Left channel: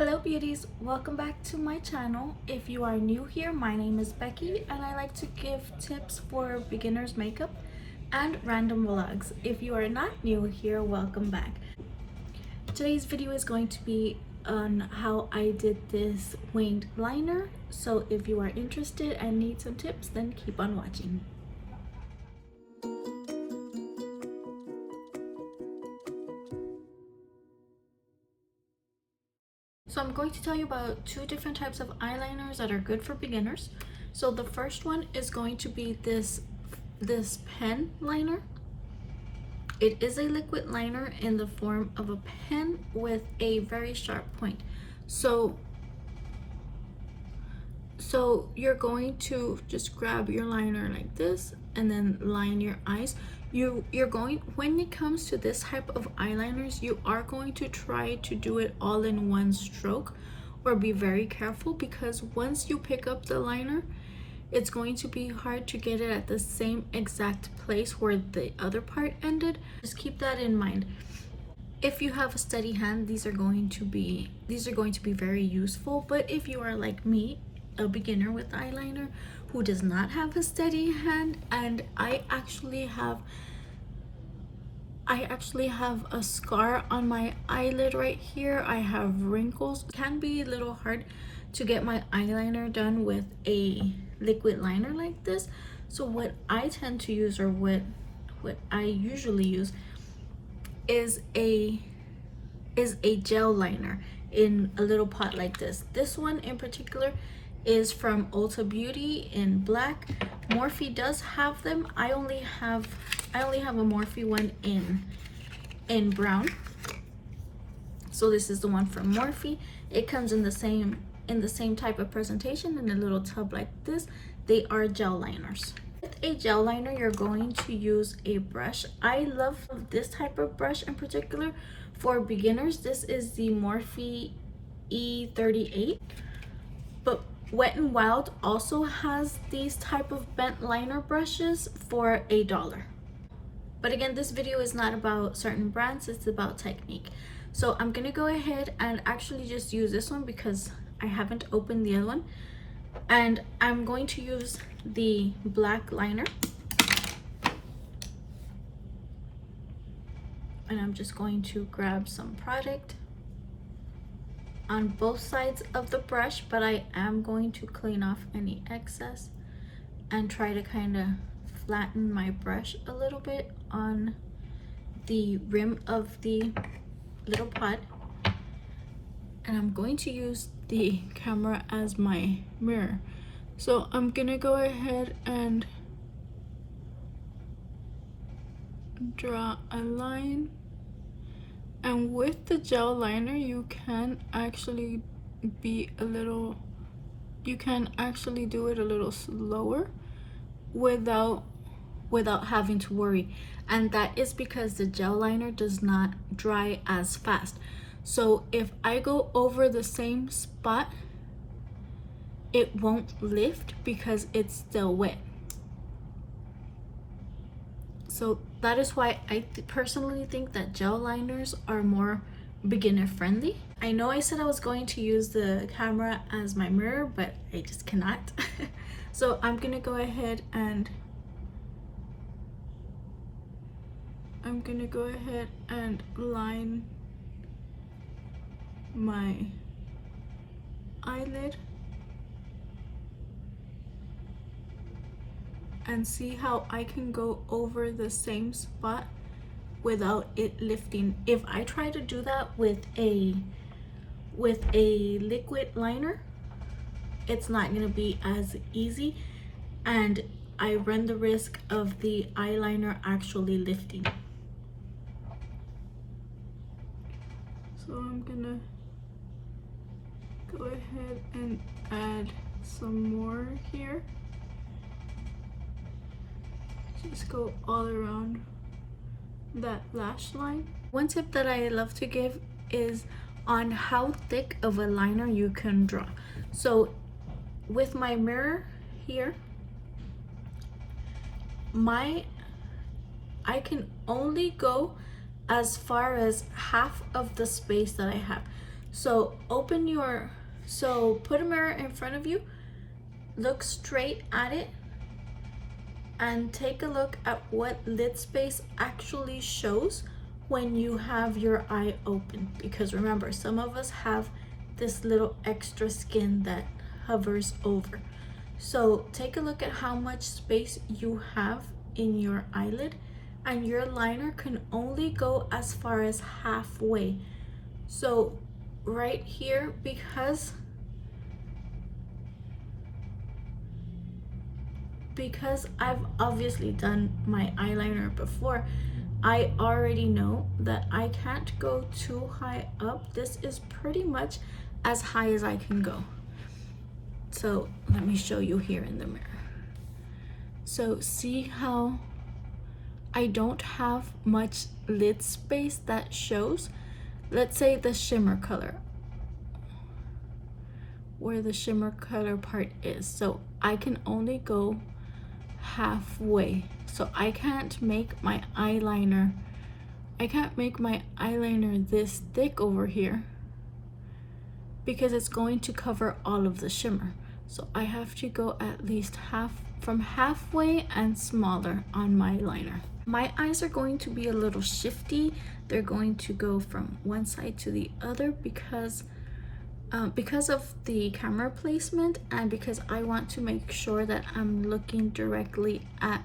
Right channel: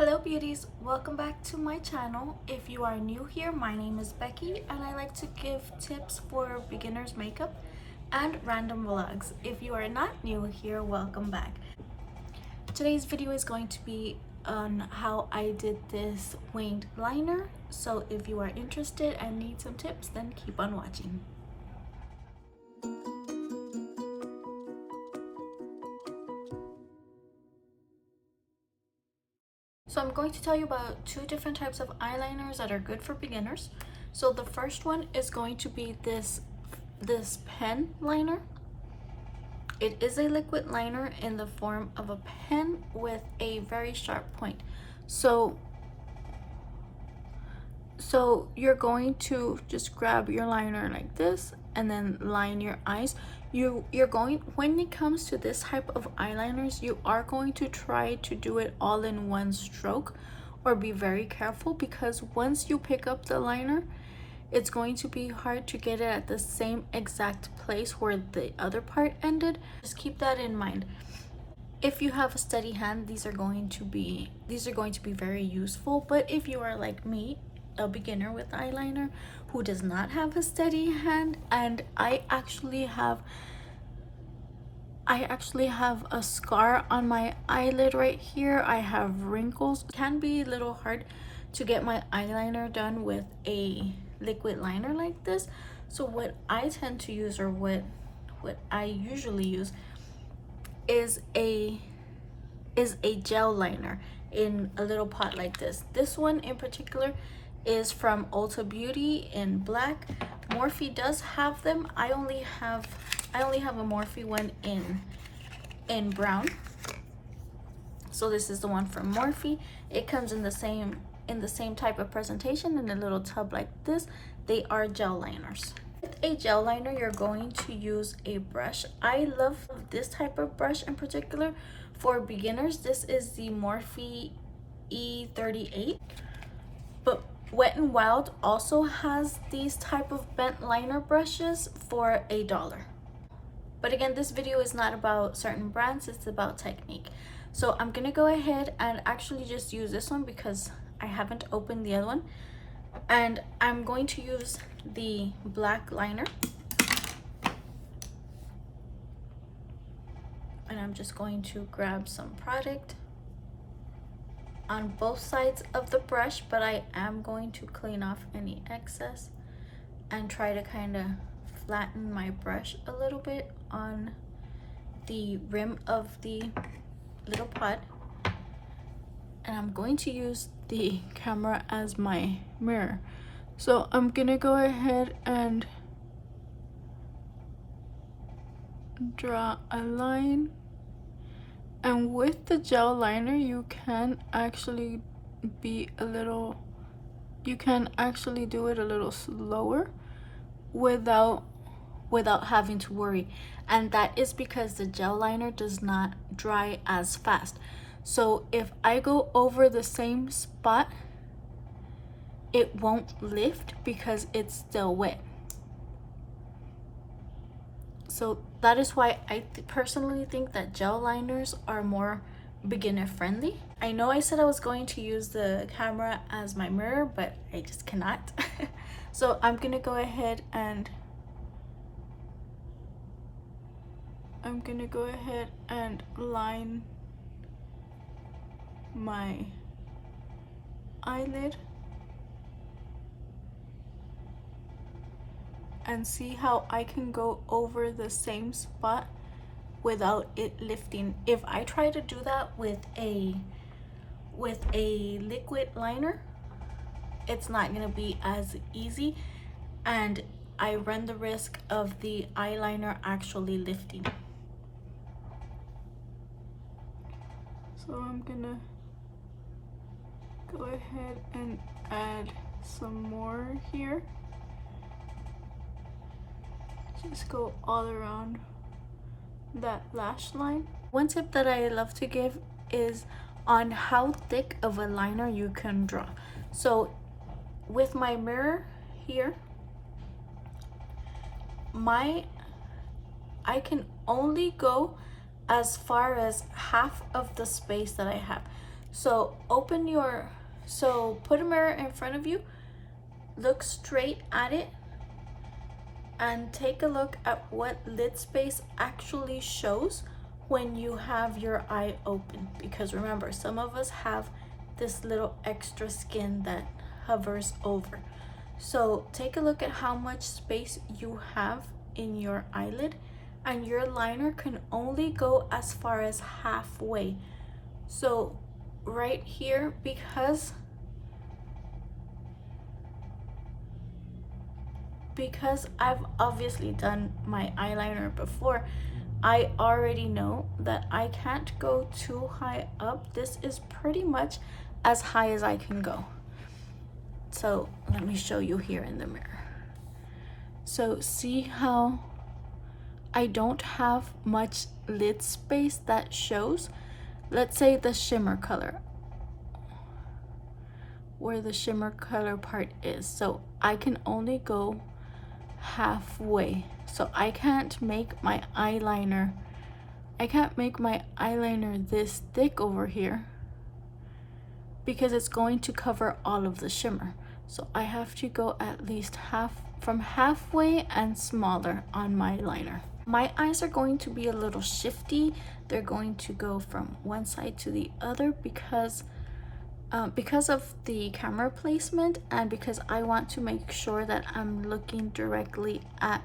Hello beauties, welcome back to my channel. If you are new here, my name is Becky and I like to give tips for beginners makeup and random vlogs. If you are not new here, welcome back. Today's video is going to be on how I did this winged liner. So if you are interested and need some tips, then keep on watching. So I'm going to tell you about two different types of eyeliners that are good for beginners. So the first one is going to be this pen liner. It is a liquid liner in the form of a pen with a very sharp point. So you're going to just grab your liner like this and then line your eyes. You're going, when it comes to this type of eyeliners, you are going to try to do it all in one stroke, or be very careful, because once you pick up the liner, it's going to be hard to get it at the same exact place where the other part ended. Just keep that in mind. If you have a steady hand, these are going to be very useful. But if you are like me, a beginner with eyeliner who does not have a steady hand, and I actually have a scar on my eyelid right here. I have wrinkles. It can be a little hard to get my eyeliner done with a liquid liner like this. So what I tend to use, or what I usually use, is a gel liner in a little pot like this. This one in particular is from Ulta Beauty in black. Morphe does have them. I only have a Morphe one in brown. So this is the one from Morphe. It comes in the same type of presentation in a little tub like this. They are gel liners. With a gel liner, you're going to use a brush. I love this type of brush in particular for beginners. This is the Morphe E38. But Wet n Wild also has these type of bent liner brushes for $1. But again, this video is not about certain brands, it's about technique. So I'm gonna go ahead and actually just use this one because I haven't opened the other one. And I'm going to use the black liner. And I'm just going to grab some product on both sides of the brush, but I am going to clean off any excess and try to kind of flatten my brush a little bit on the rim of the little pot. And I'm going to use the camera as my mirror. So I'm gonna go ahead and draw a line. And with the gel liner, you can actually do it a little slower without having to worry. And that is because the gel liner does not dry as fast. So if I go over the same spot, it won't lift because it's still wet. So that is why I personally think that gel liners are more beginner friendly. I know I said I was going to use the camera as my mirror, but I just cannot. So I'm gonna go ahead and line my eyelid and see how I can go over the same spot without it lifting. If I try to do that with a liquid liner, it's not gonna be as easy, and I run the risk of the eyeliner actually lifting. So I'm gonna go ahead and add some more here. Just go all around that lash line. One tip that I love to give is on how thick of a liner you can draw. So with my mirror here, I can only go as far as half of the space that I have. So put a mirror in front of you, look straight at it, and take a look at what lid space actually shows when you have your eye open. Because remember, some of us have this little extra skin that hovers over. So take a look at how much space you have in your eyelid, and your liner can only go as far as halfway. So right here, because I've obviously done my eyeliner before, I already know that I can't go too high up. This is pretty much as high as I can go. So let me show you here in the mirror. So see how I don't have much lid space that shows? Let's say the shimmer color, where the shimmer color part is. So I can only go halfway. So I can't make my eyeliner this thick over here, because it's going to cover all of the shimmer. So I have to go at least halfway and smaller on my liner. My eyes are going to be a little shifty. They're going to go from one side to the other because of the camera placement, and because I want to make sure that I'm looking directly at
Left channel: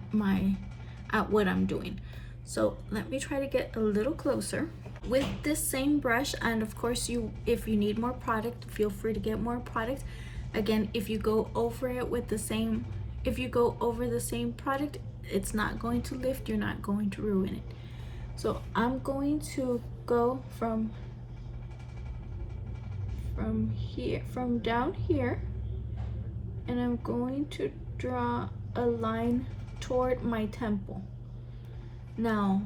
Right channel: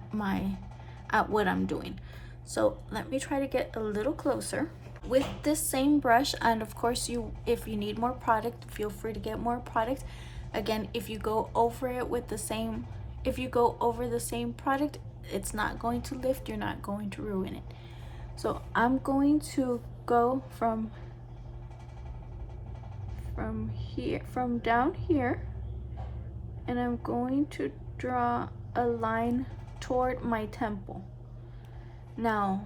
what I'm doing. So let me try to get a little closer with this same brush. And of course, if you need more product, feel free to get more product. Again, if you go over the same product, it's not going to lift, you're not going to ruin it. So I'm going to go from down here, and I'm going to draw a line toward my temple. Now,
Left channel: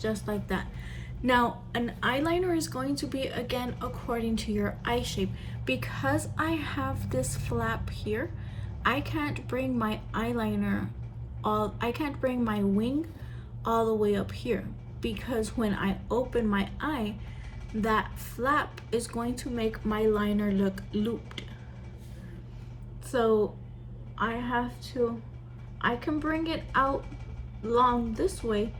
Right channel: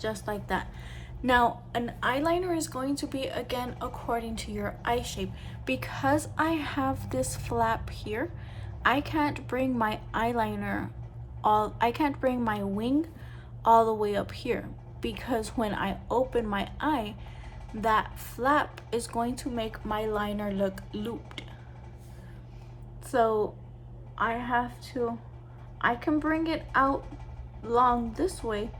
just like that. Now, an eyeliner is going to be, again, according to your eye shape. Because I have this flap here, I can't bring my wing all the way up here, because when I open my eye, that flap is going to make my liner look looped. So I can bring it out long this way,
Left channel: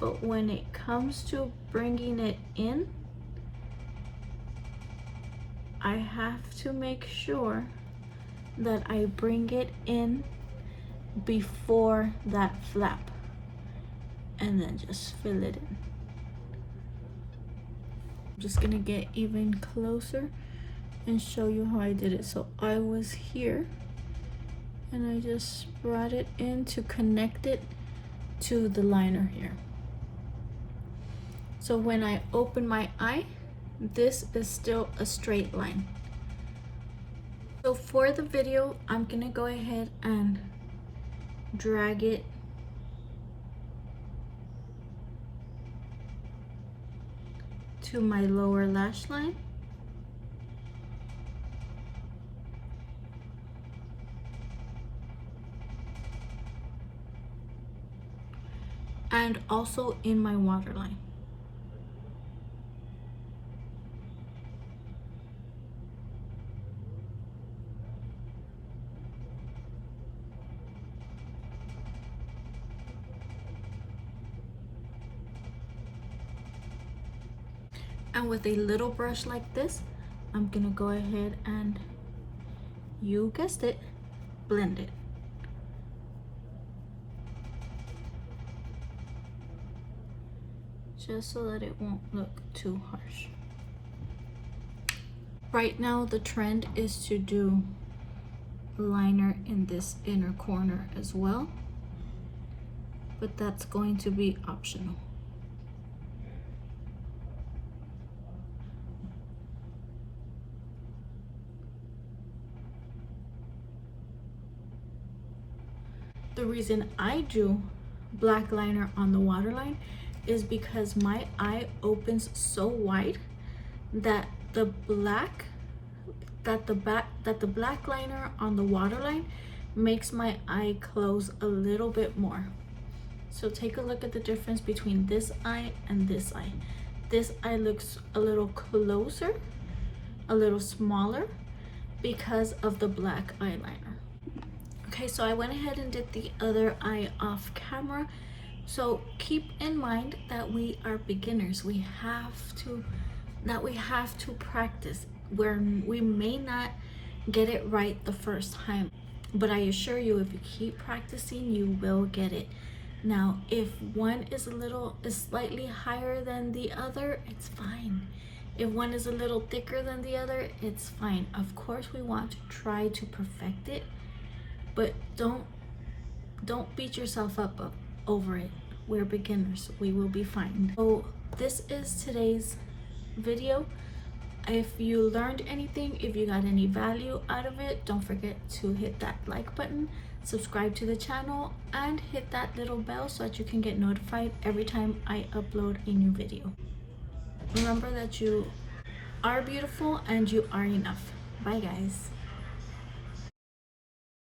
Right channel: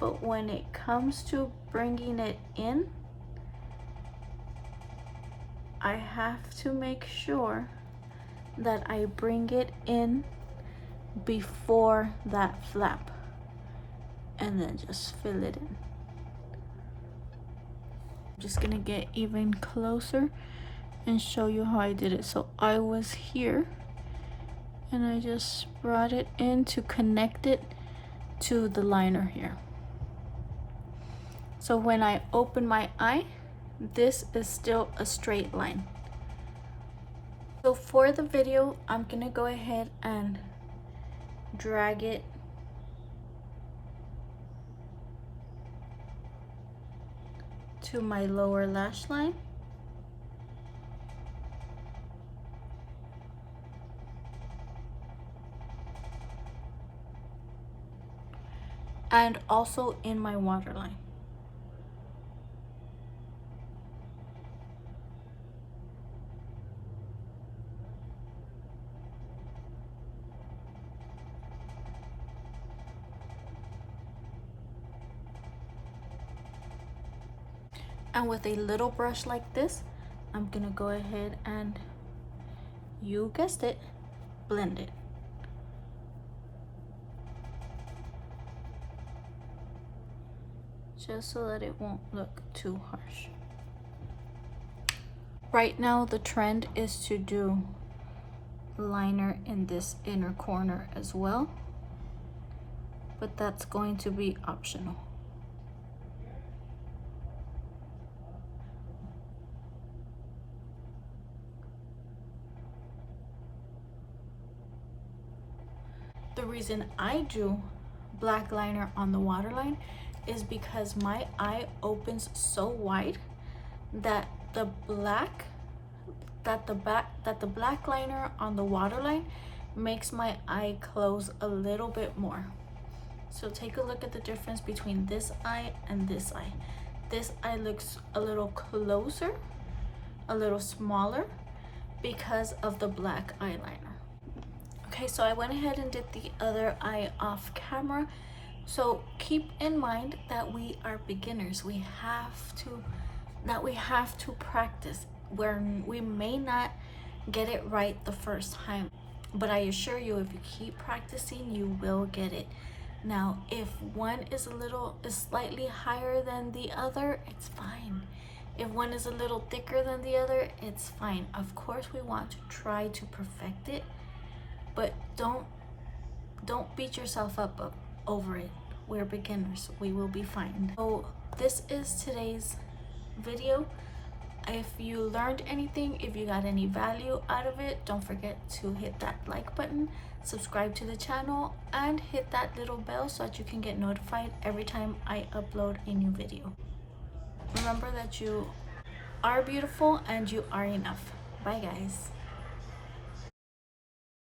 but when it comes to bringing it in, I have to make sure that I bring it in before that flap, and then just fill it in. I'm just gonna get even closer and show you how I did it. So I was here, and I just brought it in to connect it to the liner here. So when I open my eye, this is still a straight line. So for the video, I'm gonna go ahead and drag it to my lower lash line. And also in my waterline. And with a little brush like this, I'm gonna go ahead and, you guessed it, blend it. Just so that it won't look too harsh. Right now, the trend is to do liner in this inner corner as well, but that's going to be optional. The reason I do black liner on the waterline is because my eye opens so wide that the black liner on the waterline makes my eye close a little bit more. So take a look at the difference between this eye and this eye. This eye looks a little closer, a little smaller because of the black eyeliner. Okay, so I went ahead and did the other eye off camera. So keep in mind that we are beginners. We have to practice, where we may not get it right the first time, but I assure you, if you keep practicing, you will get it. Now, if one is slightly higher than the other, it's fine. If one is a little thicker than the other, it's fine. Of course, we want to try to perfect it, but don't beat yourself up over it. We're beginners. We will be fine. So this is today's video. If you learned anything, if you got any value out of it, don't forget to hit that like button, subscribe to the channel, and hit that little bell so that you can get notified every time I upload a new video. Remember that you are beautiful and you are enough. Bye guys.